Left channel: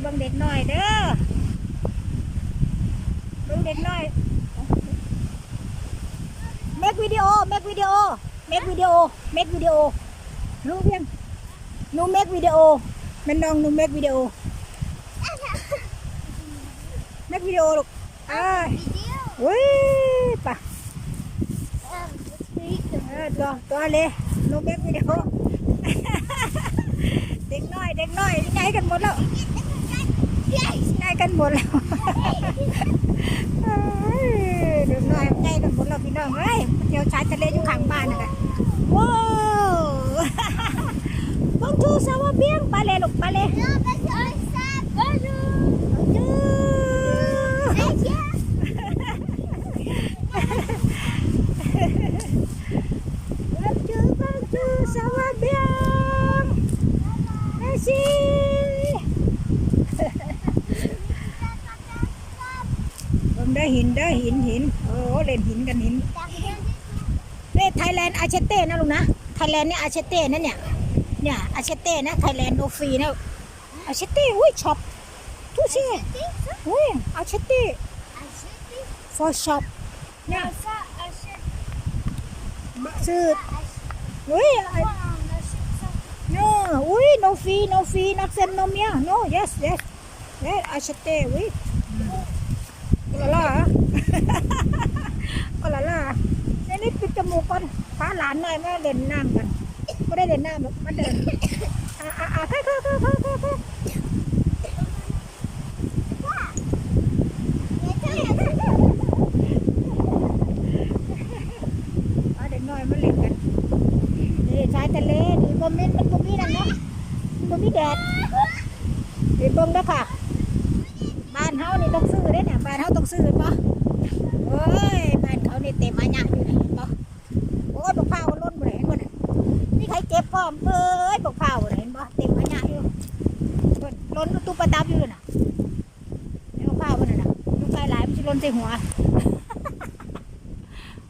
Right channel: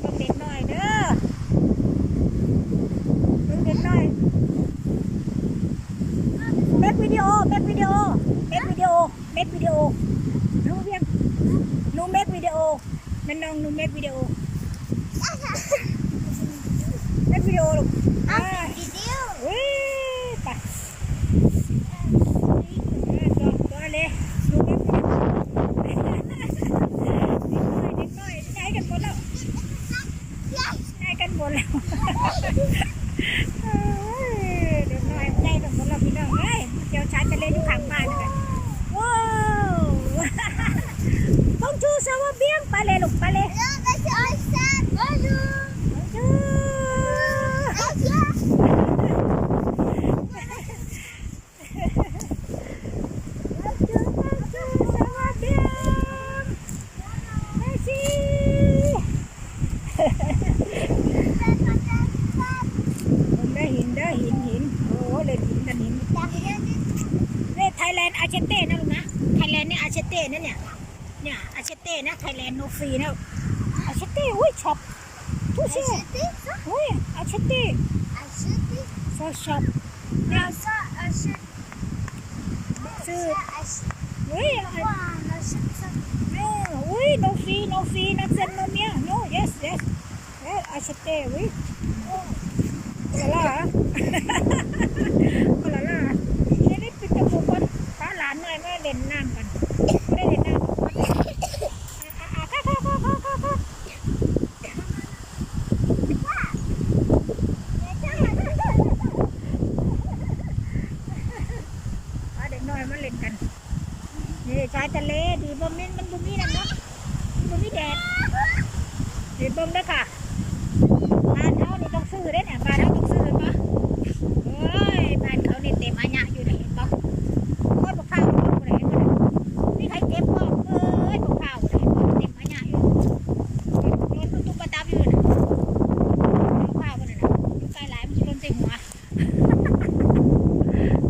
เบิ่งเด็กน้อยเด้อเบิ่งเด็กน้อยเมกวิดีโอเมกวิดีโอเมกวิดีโอเมกวิดีโอรู้เพียงหนูเมกวิดีโอมันน้องหนูเมกวิดีโอเมกวิดีโอลูกอ่าอุ้ยปะเออจอจอเลยหนูเมกวิดีโอเด็กน้อยเด็กน้อยย้ายกันหมดแล้ว กันหมดแล้วเอ้ยเด็กน้อยย้ายกันหมดแล้วพี่น้องเอ้ยเดี๋ยวชายทะเลอยู่ข้างบ้านนะว้าวต้องชูสาวเบี้ยงไปเลยลูกไปเลยเอาเด้อเอาเด้อเอาเด้อสาวเบี้ยงมาสิ ผม ได้หินได้หินหินโอ้เล่นหินกันหินเล่ไทยแลนด์อาเชเต้นะลุงนะไทยแลนด์เนี่ยอาเชเต้นั่นเนี่ยเนี่ยอาเชเต้นะไทยแลนด์โนฟรีนะอาเชเต้อุ้ยช็อปทุกสิ่งอุ้ยอาเชเต้ for shop ซื้ออุ้ย no อุ้ย no fee no fee not send no เนี่ย no yes yes yes อาเชเต้อุ้ยโอ ลาล่าโอลาล่านี่นี่ปิดจมูกก่อนพาหลานหน่อยมาเล่นน้ำกันไม่ได้เล่นน้ำหรอกมาเล่นอ่าอ่าอ่าเข้าเข้าเข้าเข้าเข้าเข้ามาเด็กน้อยมาเล่นกันนี่ชายทะเลนี่บ่มีมันบ่มีนั่นเนาะมันบ่มีแดดเดี๋ยวเบิ่งด้อค่ะ บ้านเขานี่ต้องซื้อเด้เนี่ยบ้านเขาต้องซื้อเห็นปะเอ้ยบ้านเขานี่เต็มอาญะอยู่ไหนเห็นปะโอ้ยบักข้าวมันล้นหมดเลยเห็นปะมีใครเก็บบ้างเอ้ยบกข้าวหมดเลยเห็นปะเต็มอาญะอยู่ล้นตู้ประดับอยู่น่ะบักข้าวมันนะอยู่ใกล้หลายมันจะล้นใส่หัว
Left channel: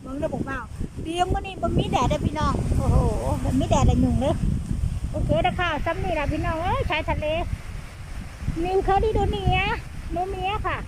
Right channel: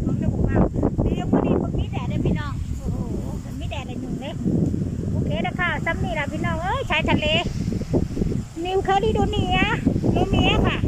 มึงได้บกว่าเลี้ยงวันนี้มันมีแดดเลยพี่น้องโอ้โหมันมีแดดเลยหนุ่งเลยโอเคนะค่ะซ้ำนี่ละพี่น้องเอ้ยชายทะเล นิวเคาริโดเนีย โนเมียค่ะ